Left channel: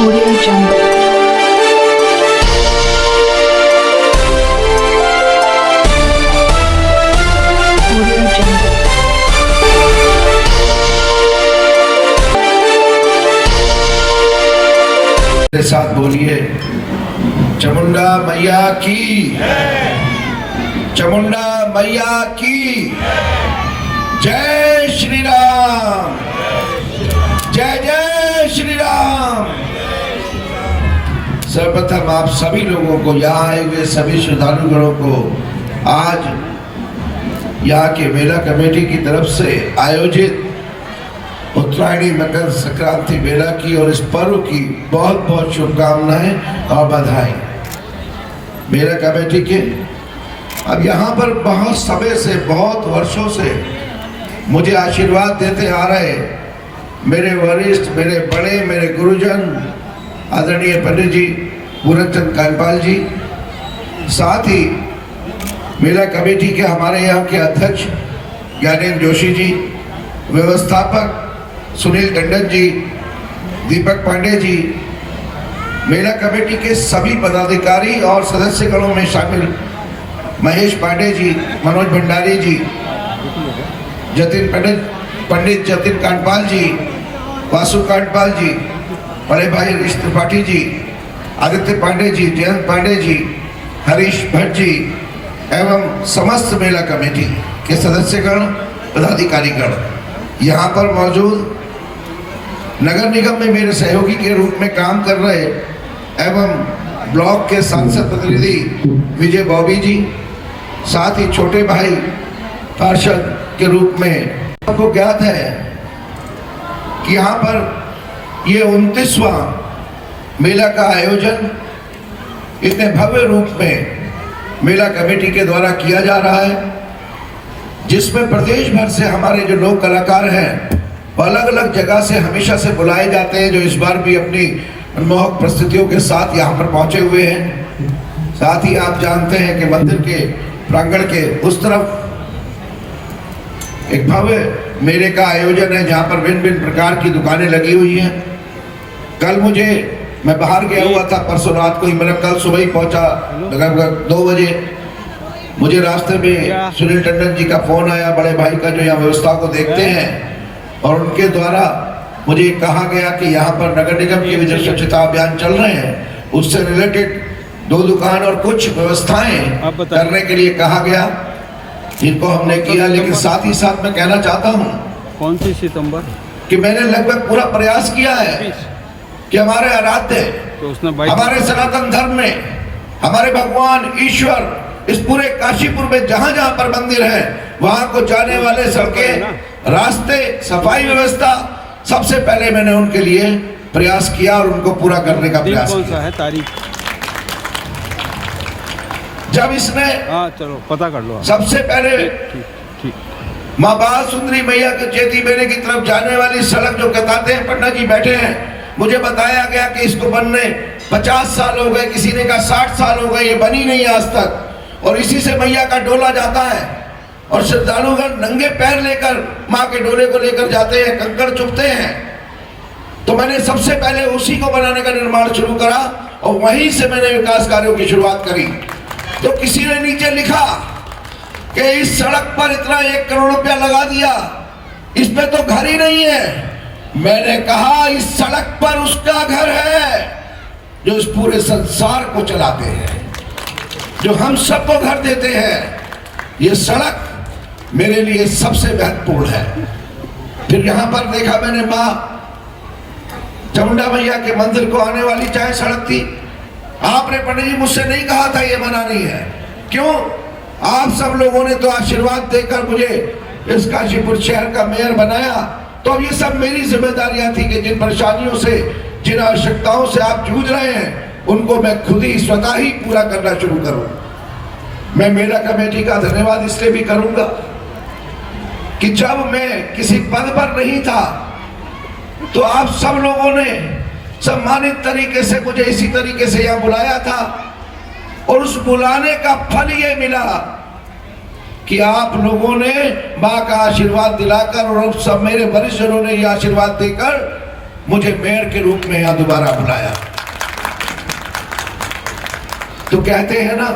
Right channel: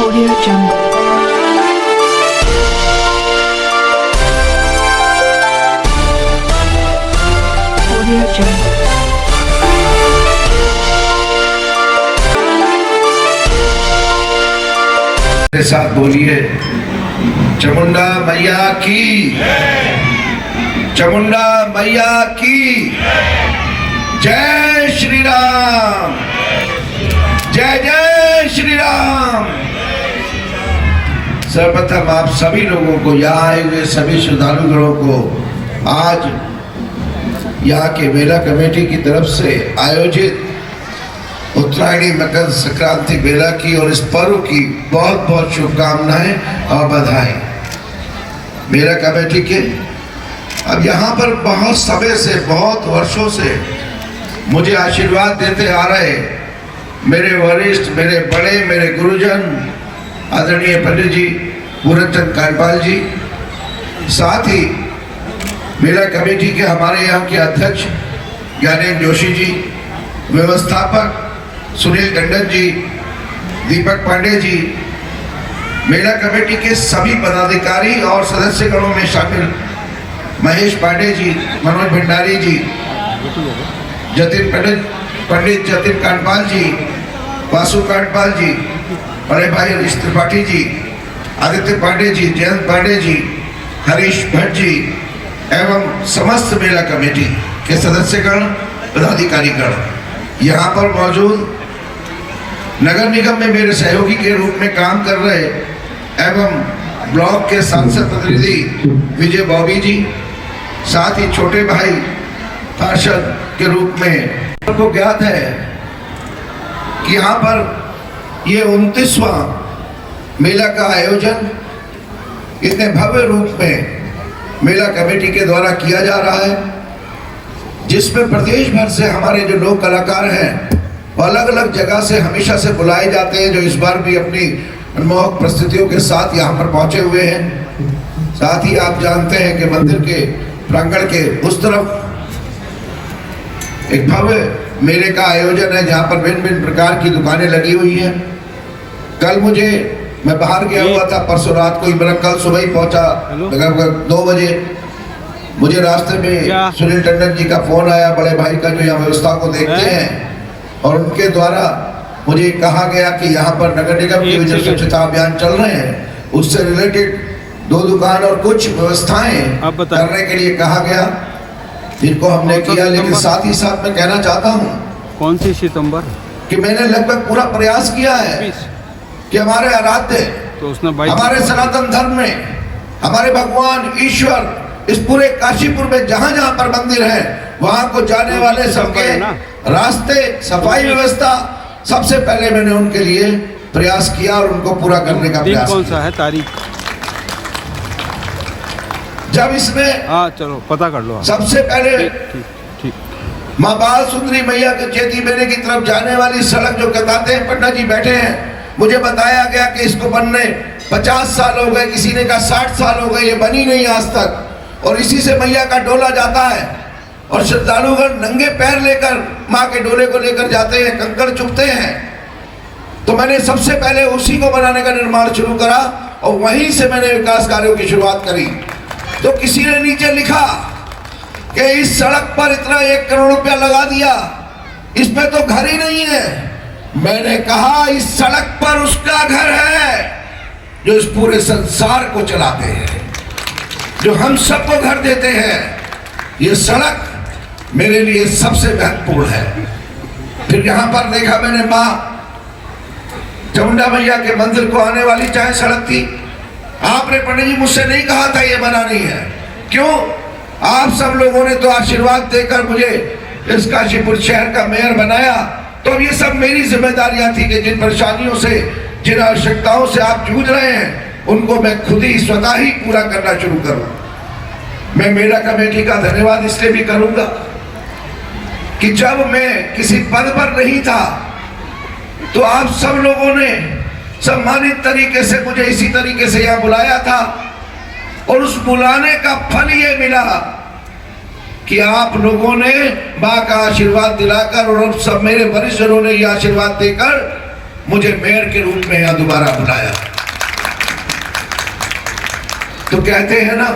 Audio Jungle. Audio Jungle. मेरे साथ बोलिए, चामुंडा मैया की, चामुंडा मैया की जय श्री राम, जय जय श्री राम। सर्वप्रथम आप सभी लोगों को, यहाँ आए हुए सभी श्रद्धालुगणों को आज यहाँ के मेला कमेटी की तरफ से आयोजित उत्तरायणी मकर संक्रांति मेला की और इस पर्व की बहुत बहुत शुभकामनाएं और बधाई। मेला कमेटी के अब यहाँ पर बहुत समय से, बहुत वर्षों से मुझे आशीर्वाद देते आ रहे मेरे वरिष्ठ, मेरे बड़े, मेरे गुरुजन आदरणीय पंडित जी पूरनचंद कांडपाल जी, साथ ही मेला कमेटी के हमारे यहाँ के अध्यक्ष ज्ञानेंद्र जोशी जी, व्यवस्थापक सुनील टंडन जी, दीपक पांडे जी, मेला कमेटी के सभी पदाधिकारी और सदस्यगणों में शामिल महेश पांडे जी, मनोज भंडारी जी, पंडित जतिन कांडपाल जी, वासु कांडपाल जी, बड़े भाई हरीश त्रिपाठी जी, आदित्य पांडे जी, जयंत पांडे जी, हरीश भट्ट जी एवं समस्त मेला कमेटी के सदस्यगण, पदाधिकारीगण यहाँ पर मौजूद, नगर निगम में मेरे सहयोगी के रूप में काम कर रहे एवं ब्लॉक के सांसद प्रतिनिधि विजय बॉबी जी, साथ ही छोटे भाई पार्षद के रूप में आपको ज्ञात है कि यहाँ पर ये 29वां मेला का आयोजन इतने भव्य रूप में मेला कमेटी के द्वारा किया जा रहा है, जिसमें प्रदेश भर से हमारे जो लोक कलाकार हैं वो अलग अलग जगह से हमेशा से बुलाए जाते हैं, जो इस बार भी अपनी मनमोहक प्रस्तुतियों के साथ यहाँ पर पहुंचे हुए हैं। साथ ही आप जानते हैं कि मंदिर के प्रांगण के उस तरफ एक भव्य मेले का आयोजन है, जहाँ पर भिन्न भिन्न प्रकार की दुकानें लगी हुई हैं। कल मैं बाहर गया हुआ था, परसों रात को ही, मेरा कल सुबह ही पहुंचा लगभग 2 बजे। मुझे रास्ते में सुनील टंडन जी का फोन आया, बड़े भाई का, जो यहाँ व्यवस्था को देखते हैं, और उनके द्वारा मुझे कहा गया कि यहाँ पर नगर निगम के जो स्वच्छता अभियान चल रहे हैं उससे रिलेटेड 2 दुकान और कुछ व्यवस्थाएं करने के लिए कहा गया, जिनको हमने किया। लेकिन साथ ही साथ मैं कहना चाहता हूँ, कौन सी सितंबर, कि मैंने लगभग पूरा प्रयास किया है कि हमारे आराध्य, तो उसने हमारे सनातन धर्म में हमारे भगवान ईश्वर इस पूरे काशीपुर में जहां जहां पर मंदिर है वहां को जाने वाले सड़कें, रास्ते, सफाई व्यवस्था, सबसे पहले मैंने उनके लिए प्रयास किया और उनको पूरा करने का प्रयास कौन सा है तारीख, जब इसने, हाँ चलो पता कर लो, सबसे पहले ठीक माँ बाल सुंदरी मैया के चेती मेले की तरफ जाने वाली सड़क जो कहते हैं, पंडित जी बैठे हैं, मुझे बताया गया कि इसको बनने 50 साल हो गए, किसी ने कहा 60 साल हो गए, ये बनी नहीं आज तक। और इसी से मैया का डोला जाता है और श्रद्धालुगण नंगे पैर लेकर माँ के डोले को लेकर जाते हैं, कंकड़ चुभते हैं। तो मैंने सबसे पहले उसी को बनाने का निर्माण शुरू करा और वहीं से मैंने विकास कार्यों की शुरुआत करी। तो किसी ने नीचे लिखा कि इस सड़क पर इतना 1 करोड़ रुपया लगा दिया, इसमें तो घर ही नहीं है। मैंने कहा इस सड़क पर उसका घर है जो इस पूरे संसार को चलाते हैं, जो हम सबको घर देते हैं। ये सड़क मेरे लिए सबसे महत्वपूर्ण है। फिर यहाँ पर देखा मैंने, माँ चामुंडा मैया के मंदिर को आने वाली चाहे सड़क थी, आपने पंडित जी मुझसे नहीं कहा था ये बनानी है, क्यों? आप सब लोगों ने तो आशीर्वाद देकर मुझे इस काशीपुर शहर का मेयर बनाया। तो अब ये सब मेरी जिम्मेदारियां थी कि जिन परेशानियों से, जिन आवश्यकताओं से आप जूझ रहे हैं, उनको मैं खुद ही स्वतः ही पूरा करना शुरू करूं। मैं मेला कमेटी का धन्यवाद इसलिए भी करूंगा कि जब मैं किसी पद पर नहीं था तो आप सब लोगों ने सम्मानित तरीके से मुझे इसी तरीके से यहाँ बुलाया था, और उस बुलाने का फल ये मिला कि आप लोगों ने माँ का आशीर्वाद दिलाकर और अब सब मेरे वरिष्ठजनों ने ये आशीर्वाद देकर मुझे मेयर के रूप में यहां दोबारा बुलाया। तो कहते हैं ना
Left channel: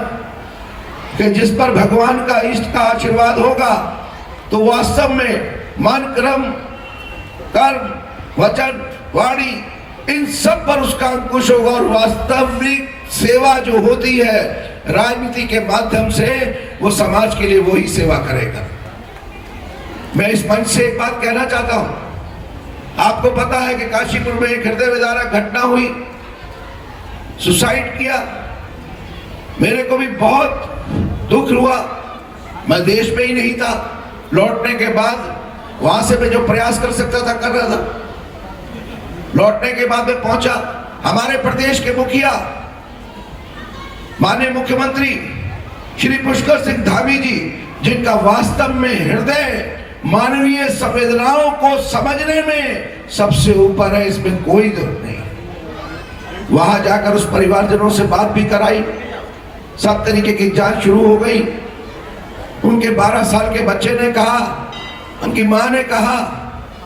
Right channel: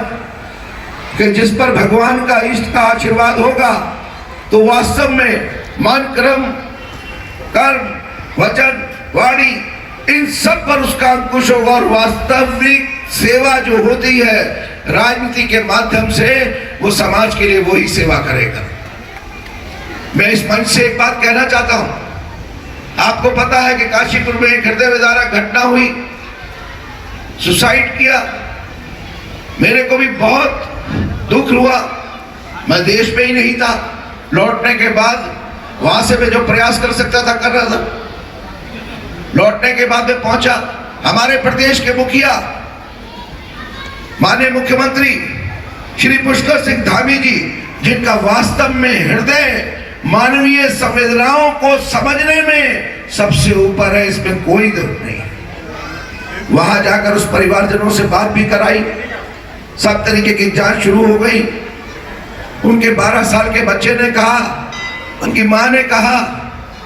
कि जिस पर भगवान का इष्ट का आशीर्वाद होगा तो वास्तव में मन, क्रम, कर्म, वचन, वाणी, इन सब पर उसका अंकुश होगा और वास्तविक सेवा जो होती है राजनीति के माध्यम से, वो समाज के लिए वही सेवा करेगा। मैं इस मंच से एक बात कहना चाहता हूं। आपको पता है कि काशीपुर में एक हृदय विदारक घटना हुई, सुसाइड किया। मेरे को भी बहुत दुख हुआ। मैं देश में ही नहीं था। लौटने के बाद वहां से मैं जो प्रयास कर सकता था कर रहा था। लौटने के बाद मैं पहुंचा, हमारे प्रदेश के मुखिया माननीय मुख्यमंत्री श्री पुष्कर सिंह धामी जी, जिनका वास्तव में हृदय मानवीय संवेदनाओं को समझने में सबसे ऊपर है, इसमें कोई दुख नहीं। वहां जाकर उस परिवारजनों से बात भी कराई, सब तरीके की जांच शुरू हो गई। उनके 12 साल के बच्चे ने कहा, उनकी मां ने कहा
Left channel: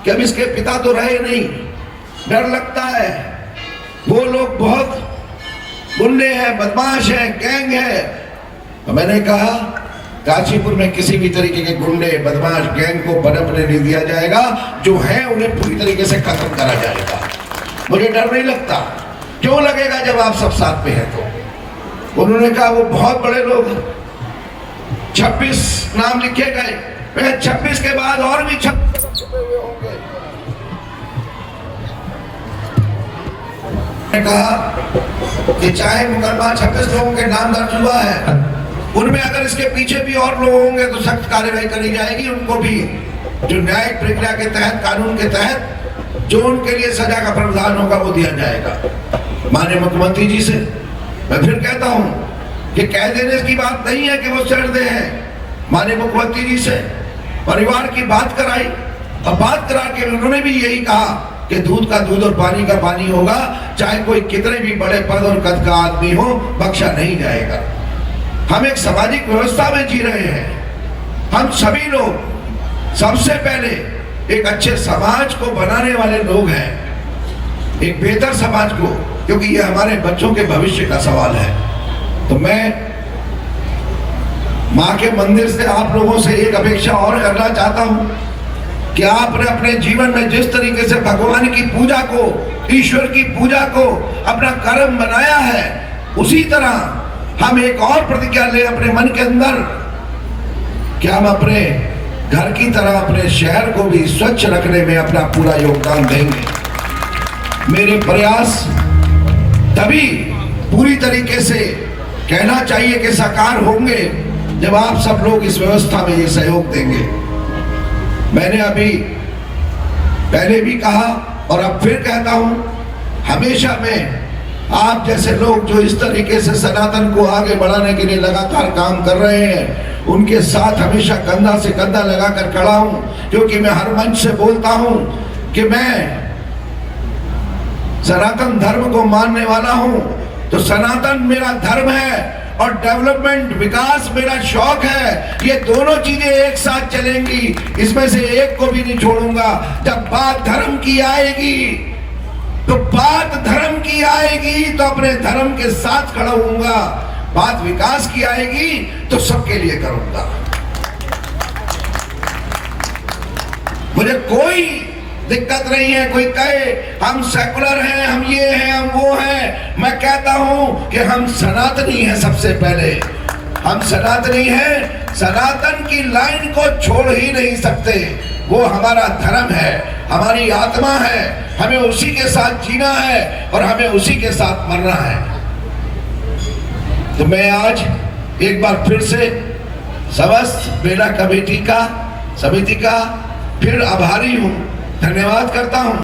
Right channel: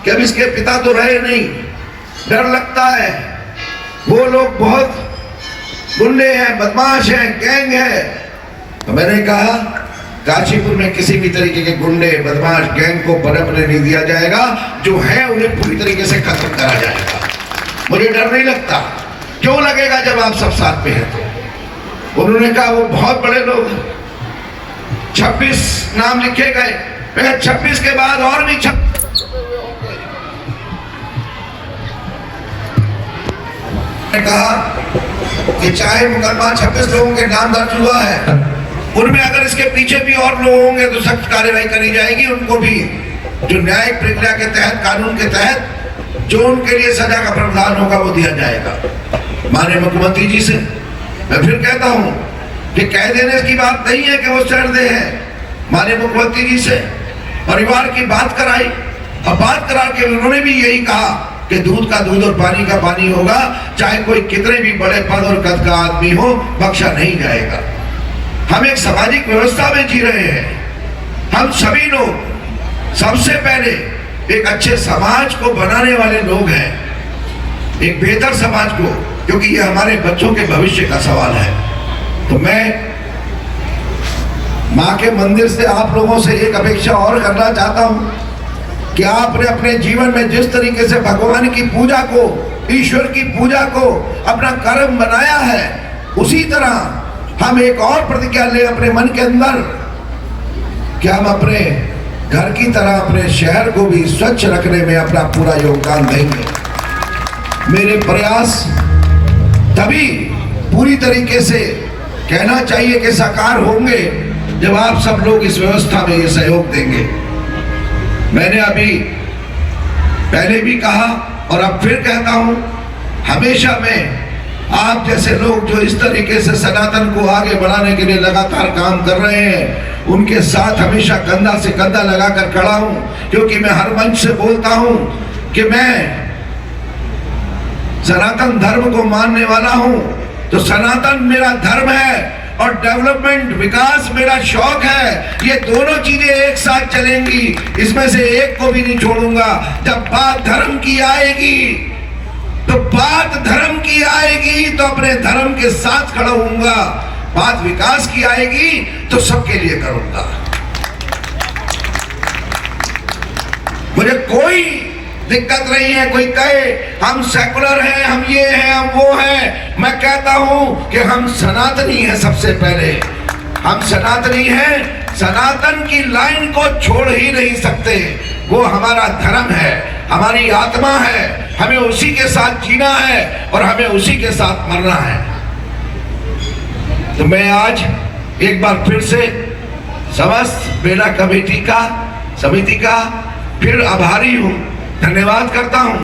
कि अब इसके पिता तो रहे नहीं, डर लगता है, वो लोग बहुत गुंडे हैं, बदमाश हैं, गैंग है। तो मैंने कहा काशीपुर में किसी भी तरीके के गुंडे, बदमाश, गैंग को पनपने नहीं दिया जाएगा। जो है उन्हें पूरी तरीके से खत्म करा जाएगा। मुझे डर नहीं लगता। क्यों लगेगा जब आप सब साथ में हैं तो। उन्होंने कहा वो बहुत बड़े लोग, 26 नाम लिखे गए, 26 के बाद और भी 26 छुपे हुए होंगे। कहा कि चाहे मुकदमा 26 लोगों के नाम दर्ज हुआ है, उनमें अगर इसके पीछे भी और लोग होंगे तो सख्त कार्रवाई करी जाएगी। उनको भी जो न्यायिक प्रक्रिया के तहत, कानून के तहत जो उनके लिए सजा का प्रावधान होगा वो दिया जाएगा। माननीय मुख्यमंत्री जी से मैं फिर कहता हूं कि कह देने की बात नहीं है कि वो चढ़ते हैं। माननीय मुख्यमंत्री जी से परिवार की बात कराई और बात करा के उन्होंने भी यही कहा कि दूध का दूध और पानी का पानी होगा, चाहे कोई कितने भी बड़े पद और कद का आदमी हो, बख्शा नहीं जाएगा। हम एक सामाजिक व्यवस्था में जी रहे हैं। हम सभी लोग सबसे पहले एक अच्छे समाज को बनाने वाले लोग हैं, एक बेहतर समाज को, क्योंकि ये हमारे बच्चों के भविष्य का सवाल है। तो मैं मां के मंदिर से आप लोगों से एक अपेक्षा और करना चाहता हूं कि आपने अपने जीवन में जिस तरीके से भगवान की पूजा को, ईश्वर की पूजा को अपना कर्म बनाया है, उसी तरह हम एक और प्रतिज्ञा ले अपने मन के अंदर कि हम अपने घर की तरह अपने शहर को भी स्वच्छ रखने में अपना पूरा योगदान देंगे। मेरे प्रयास तभी पूरी तरीके से कहना चाहिए कि साकार होंगे जब आप सब लोग इस व्यवस्था में ये सहयोग देंगे। मैंने अभी पहले भी कहा और अब फिर कहता हूं, हमेशा मैं आप जैसे लोग जो इस तरीके से सनातन को आगे बढ़ाने के लिए लगातार काम कर रहे हैं, उनके साथ हमेशा कंधा से कंधा लगाकर खड़ा हूं। क्योंकि मैं हर मंच से बोलता हूं कि मैं सनातन धर्म को मानने वाला हूं, तो सनातन मेरा धर्म है और डेवलपमेंट, विकास मेरा शौक है। ये दोनों चीजें एक साथ चलेंगी, इसमें से एक को भी नहीं छोड़ूंगा। जब बात धर्म की आएगी तो बात धर्म की आएगी तो अपने धर्म के साथ खड़ा होऊंगा। बात विकास की आएगी तो सबके लिए करूंगा। मुझे कोई दिक्कत नहीं है कोई कहे हम सेकुलर हैं, हम ये हैं, हम वो हैं। मैं कहता हूं कि हम सनातनी हैं। सबसे पहले हम सनातनी हैं। सनातन की लाइन को छोड़ ही नहीं सकते। वो हमारा धर्म है, हमारी आत्मा है। हमें उसी के साथ जीना है और हमें उसी के साथ मरना है। तो मैं आज एक बार फिर से समस्त बेला कमेटी का, समिति का फिर आभारी हूं, धन्यवाद करता हूं।